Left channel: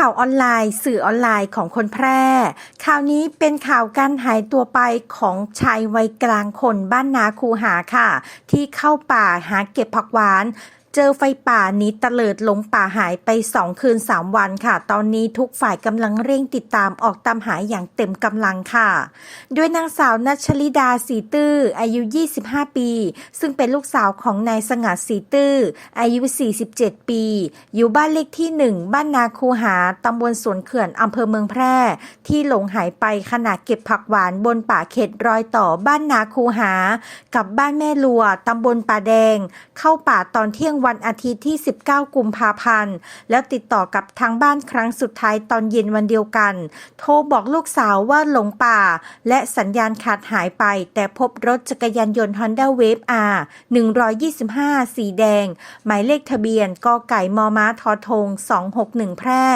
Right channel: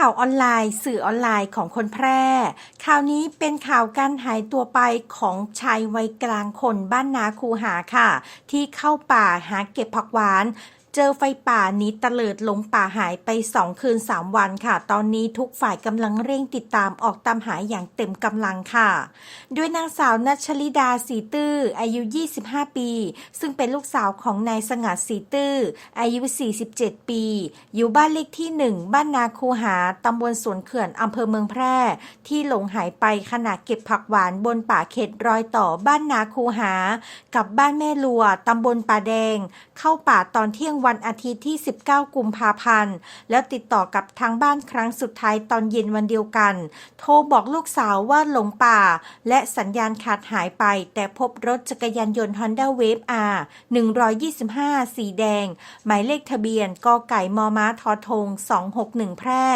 ข่าวออนไลน์ สื่อออนไลน์ของคนแพร่ ข่าวนี้เป็นข่าวการหายตัวไปของชายวัยกลางคนบ้านนาคูหาค่ะ ที่เข้าป่าหาเก็บผักหวาน เจอไฟป่าหนี้ตะเลิดหลงป่าหายไป 2 คืน 3 วันค่ะ ตอนนี้ทุกฝ่ายกำลังเร่งติดตามออกตามหาอย่างเต็มกำลังค่ะด้วยนางสาวนัชลิดาสีตื้อ อายุ 25 ปี ซึ่งเป็นลูกสาวของนายสงัดสีตื้อ อายุ 47 ปี อยู่บ้านเลขที่ 1 บ้านนาคูหาตำบลสวนเขื่อนอำเภอเมืองแพร่ ที่หลงหายไปขณะเก็บผักหวานบนป่าเขตรอยต่อบ้านนาคูหา กับบ้านแม่ลัวตำบลป่าแดง เข้าป่าตอนเที่ยงวันอาทิตย์ที่ 19 กุมภาพันธ์ แล้วติดต่อกับทางบ้านครั้งสุดท้ายตอนเย็นวันเดียวกัน โทรบอกลูกสาวว่าหลงป่า และสัญญาณขาดหายไป แต่พบรถจักรยานยนต์ Honda Wave R 125 สีแดง หมายเลขทะเบียนกไก่มอม้าทอทง 261 แพร่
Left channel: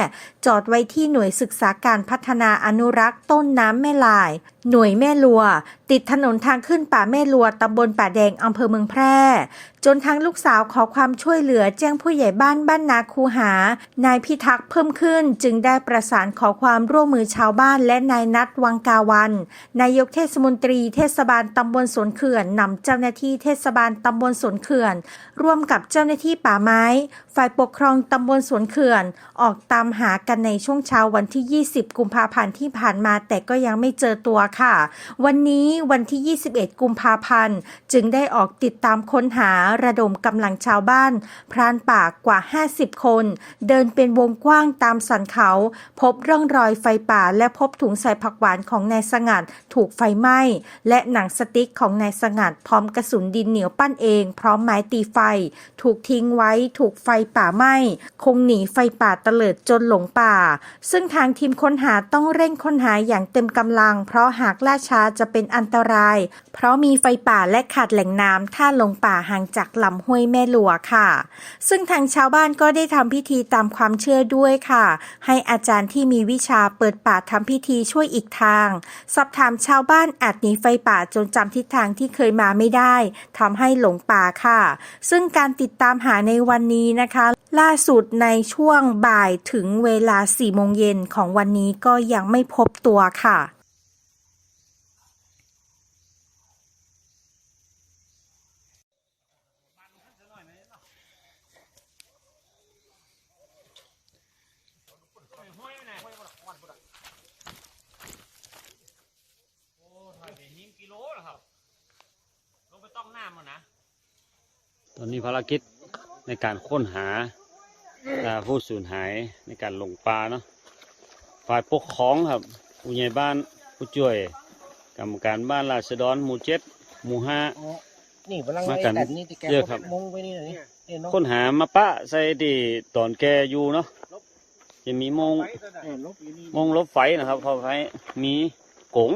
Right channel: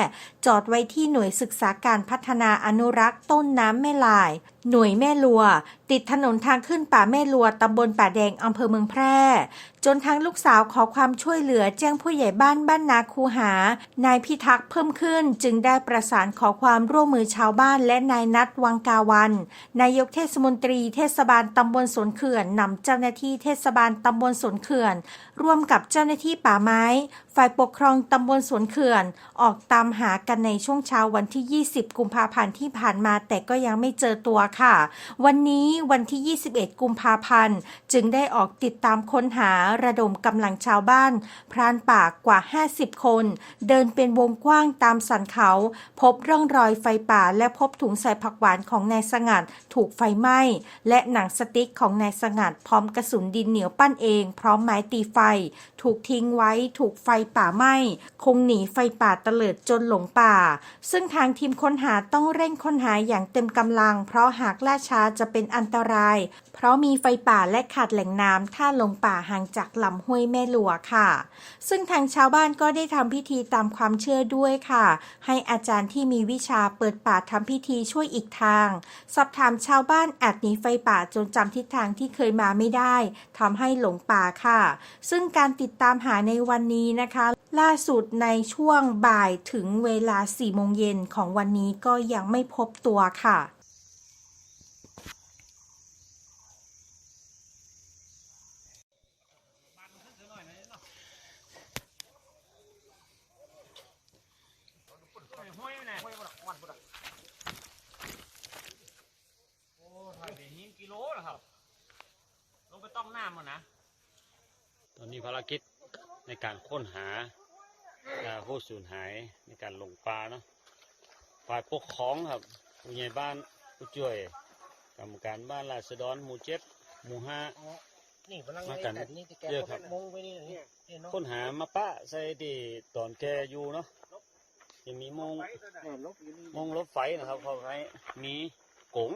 จอดไว้ที่หน่วยศึกษาการพัฒนาอนุรักษ์ต้นน้ำแม่ลาย หน่วยแม่ลัว ติดถนนทางขึ้นป่าแม่ลัวตำบลป่าแดงอำเภอเมืองแพร่ จนทางลูกสาวขอความช่วยเหลือแจ้งผู้ใหญ่บ้านบ้านนาคูหา นายพิทักษ์เพิ่มขึ้น จึงได้ประสานขอความร่วมมือชาวบ้านและนายนัดวังกาวัน นายกเทศมนตรีเทศบาลตำบลสวนเขื่อนนำเจ้าหน้าที่เทศบาลตำบลสวนเขื่อน ร่วมกับเจ้าหน้าที่ป่าไม้ ฝ่ายปกครองตำบลสวนเขื่อน ออกตามหากันในช่วงเช้าวันที่ 20 กุมภาพันธ์ที่ผ่านมาแต่ก็ยังไม่เจอตัวค่ะ วันนี้วันที่ 21 กุมภาพันธ์ จึงได้ออกติดตามค้นหาระดมกำลังชาวบ้าน พรานป่ากว่า 50 คน เดินเป็นวงกว้างตามสันเขา พบร่องรอยไฟป่าและพบถุงใส่ผักหวานของนายสงัดถูกไฟไหม้ และหนังสติ๊กของนายสงัดพร้อมกระสุนดินเหนียวปั้นเอง พร้อมไม้ตีไฟ ถูกทิ้งไว้ถูกไฟป่าไหม้คงหนีไฟป่าเตลิดจนหลงป่า ซึ่งทางทีมค้นหาต้องเร่งค้นหาอย่างเต็มกำลัง เพราะหาากล่าช้าจะเป็นอันตราย เพราะมีไฟป่าและขาดแหล่งน้ำถ้าลงป่าห่างจากลำห้วยแม่หลัวค่ะ ซึ่งทางชาวบ้านก็ได้ทำพิธีตามความเชื่อด้วยค่ะ ให้อาจารย์ที่มีวิชาเปิดป่าทำพิธีช่วยอีกทาง สอบถามชาวบ้านอาจหนีไฟป่าจนจำทิศทางที่เคยมาไม่ได้ทำให้หลงป่าค่ะ ซึ่งการติดตามหาในวันนี้นะคะล่าสุดในช่วงบ่ายถึงเวลา4โมงเย็นของวันนี้ก็ยังไม่พบตัวค่ะ ห้อยไหนห้อยบ่ดอกวันบ่ดอกโอ้ถ่ายไปหินกิโลแล้วครับ ล งไปต้องน้ำมันนะ ตอนนี้ภารกิจในการค้นหาอ่าผู้สูญหายในการหลงป่าเนาะ ฝ่ายปกครองครับ ผู้ใหญ่บ้านผู้ช่วย กรรมการบ้านราษฎรหมู่เจ็ดหมู่ห้านี่พลังมากันไอ้แต่นี่ที่แกเยอะครับมุงไปนี่นี่เห็นเนาะค้นหามาปะใส่ที่ตอนแกอยู่เนาะ จะมีโมงเออลบอยู่นี่โมงลบไฟนะครับเพอไฟมีกง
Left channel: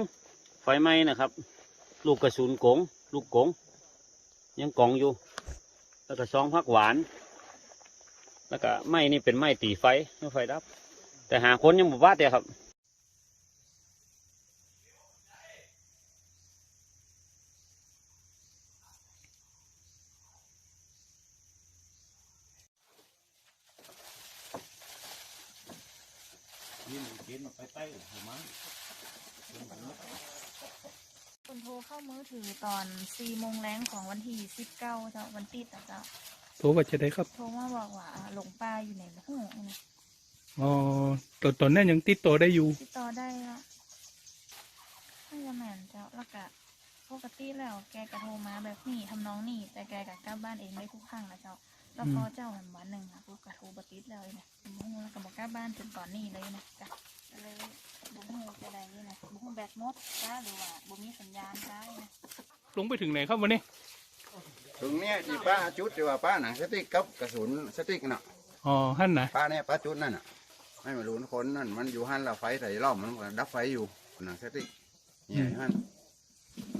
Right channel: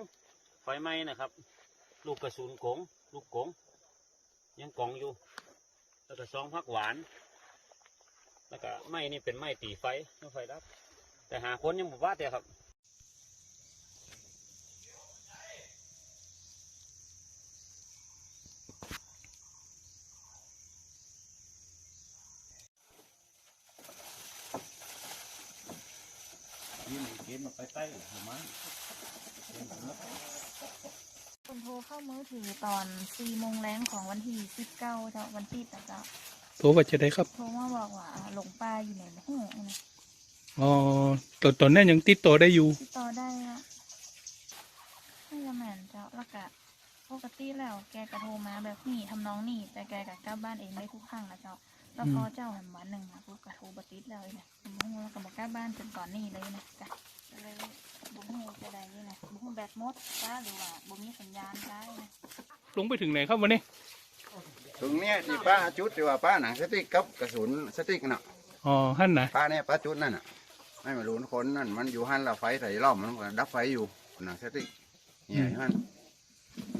ไฟไหม้นะครับ ลูกกระสุนกง ลูกกง ยังกองอยู่ แล้วก็ซองพักหวาน แล้วก็ไม้นี่เป็นไม้ตีไฟไม่ไฟดับ แต่หาคนยังบ่ว่าแต่ครับยิ้มเกมมาไปใต้หัวมัน คนโทรเข้ามือถือตอนสี่โมงแรงของวันที่สิบเก้าเจ้าวันปิดอะเจ้าโทรว่าจะได้ครับ โทรมาบอกว่าหลงป่าอยู่ในห้องนะอ๋อตอนตอนนั้นยังติดต่อได้อยู่ติดต่อได้แล้วน่าจะแม่นเจ้าแล้วก็ปกติแล้วแกก็โทรมาแบบนี้ทำน้องนี่ แต่แกก็กลับบ้านเองได้ทุกครั้งนะเจ้าแล้วพอเจ้าแหมวันหนึ่งนะปุ๊บก็โทรบติดแล้วนะบุ้งแล้วก็บอกกลับบ้านจนตอนนี้เลยนะจ้ะ ก็เลยบุ้งจะได้นะบุ้งแบตหมดจ้าหรือว่าบุ้มีสัญญาณได้นะลงไปถึงไหนครับวันนี้ถึงเนี้ยที่ป้าจุดที่ว่าป้าหนังสติ๊กกับกระสุนสติ๊กน่ะอ๋อฮั่นนะป้าเนี่ยป้าจุดนั่นน่ะไม่มารู้คนนั่นมันอยู่หันเราไฟใส่ล้อมมันก็ดับไฟอยู่หนังสติ๊กเนี่ยฮัน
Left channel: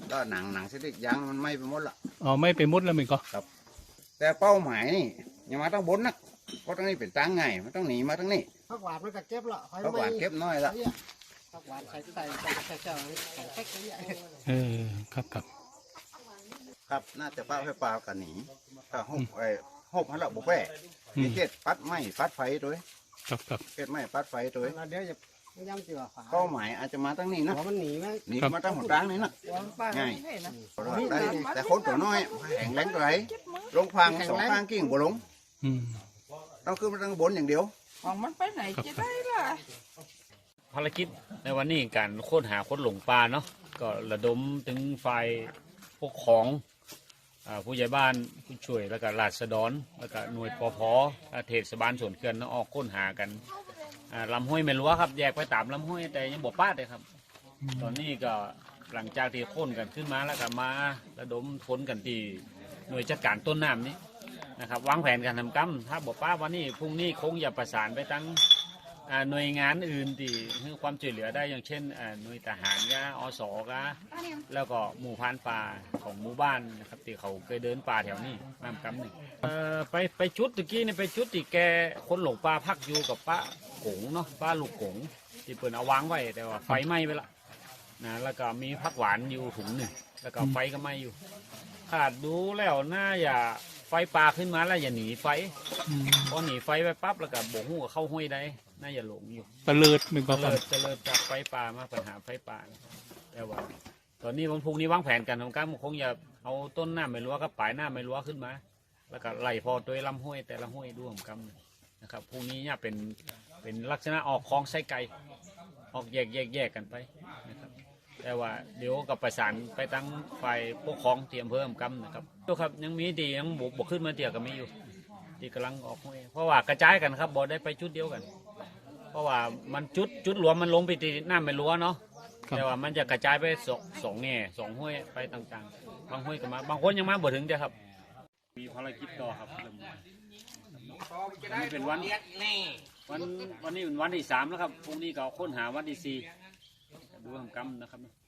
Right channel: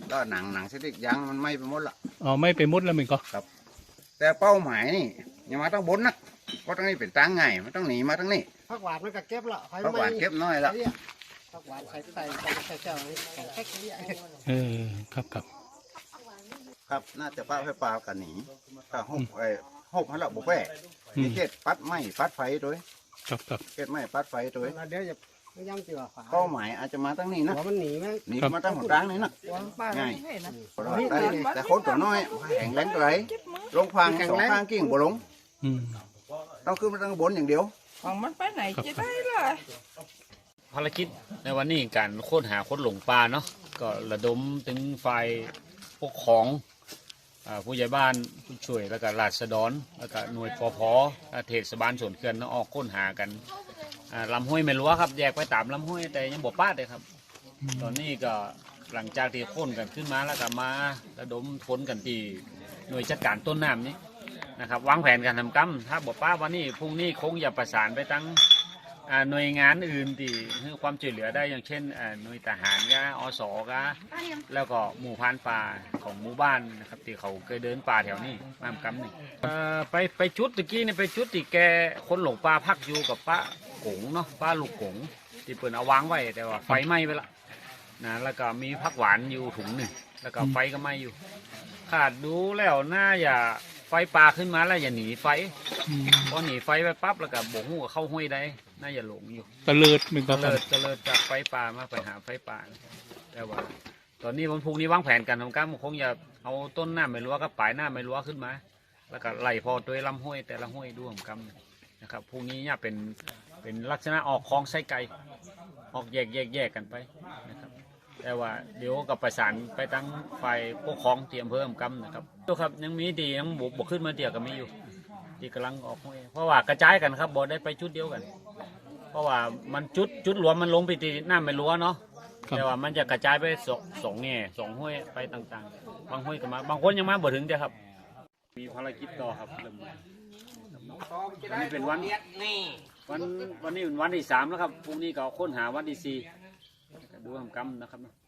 แล้วหนังหนังสติ๊กยางมันไหม้ไปหมดละอ๋อไม่ไปมุดแล้วมันก็แต่เป้าหมายนี่ยังมาต้องบนนะ เพราะตรงนี้เป็นตังไงมันต้องหนีมาตรงนี้ผักหวานมันก็เก็บละไฟเพราะหวานเก็บน้อยละเนี่ยผักหวานใส่ใส่ใส่ใส่เจ้าของแค่นี้เออครับครับครับน่าจะป้าให้ปลากันหนีถ้าหกไอ้หกหันละบุแปะอืมนี่เจ็ดปัดไหม้ปัดไฟด้วยครับครับเก็ดไม้ปัดไฟตัวเองเดี๋ยวจะไม่ย่ำเจือฝาเป้าหมายอาจจะมาตั้งนี้นะหัวมันหนีไหมหนี่ครับมาตั้งหัวตั้งนี่นะง่ายบ่รอดได้แต่คนตัวน้อยแข็งแรงตัวไหนลงฟังสองข้างกิ่งบ่ลง อืมต้องขึ้นมาตั้งบนอย่างเดียวครับครับภารกิจในวันนี้การค้นหาคนหลงป่าเนาะก็ระดมถึงฝ่ายปกครองอ่าผู้ใหญ่บ้านผู้ช่วยแล้วก็ราษฎรแล้วก็หน่วยปพและเทศบาลส่วนเขื่อนเนาะออกค้นหากันอ่าลำห้วยไม่รู้วครับ แยกไปตามลำห้วยแต่ยังบ่ป้าดเลยครับ ตอนนี้ก็หลังจากที่ค้นกันขึ้นมาแล้วก็มาระดมค้นกันที่หน่วยจัดการต้นน้ำนี้ นะครับวางแผนการทำกรรมถ้าบอกป้าวันนี้พรุ่งนี้คงอย่าประสานไปตั้งอ่าหน่วยงานอื่นที่ให้ความช่วยเหลือได้อย่างเช่นอ่าหน่วยทหารกะอสกะแล้วก็หมู่พรานป่าของหมู่บ้านนะครับที่เขาเคยเดินป่าแถวนี้มามกำนี่เอ่อไปไปจุดตะกี้นี่ไปจุดที่แกคนหลงป่าพักอยู่กับป้ากงเนาะป้าลูกกงที่เปิดเอาวางไว้แต่ว่าไฟไหม้ไปละนะแล้วก็มีพักหวานอยู่ถุงหนึ่งแล้วก็ไฟก็ไหม้อยู่ ขาดดูแล้วน่าอย่า ไฟป่าขึ้นมาแล้วอย่าหนีไฟอืมพอหนีไฟไปปั๊บแล้วก็บ่งหูว่าเข้าห้วยได้น่าจะหลงอยู่ตะเลิดมันเจก็ครัริบญเจริญจากไฟป่ามาไปหาไฟป่านะแต่ว่า ตอนนี้วันพรุ่งนี้วางแผนกันของการคงจะเอาต้นหน้าไม่รั้วกับปลายหน้าไม่รั้วขึ้นมา แล้วก็ไล่พอตัวลำห้วยแต่ละห้วยดูของกำนะครับพรุ่งนี้เนี่ยเป็นเป็นลักษณะออกคลองไส้ไก่ออกแยกแยกแยกกันไปนะครับ แต่ว่าเดี๋ยวกับประสานไปตั้งฝ่ายปกครองเตรียมเพิ่มกำนะครับดูครับยังมีดียังบวกบวกขึ้นมาเตียก็มีอยู่ที่กำลังออกห้วยเพราะว่ากระจายกันครับบ่ได้ไปจุดเดียวกัน เพราะว่ามันจุดจุดรวมมันลงไปที่หน้าไม่รั้วเนาะครับแต่ว่ามันจะกระจายไปสองสองแง่สองห้วยไปต่างๆ บางห้วยก็มาบางคนยังมาบ่ถึงเด้อครับ มีภารกิจต่อครับเริ่มมาวันนี้เป็นวันวันวันนี้เป็นวันที่สามแล้วครับพรุ่งนี้ก็ค้นหาวันที่สี่ ดูทำกรรมนะครับ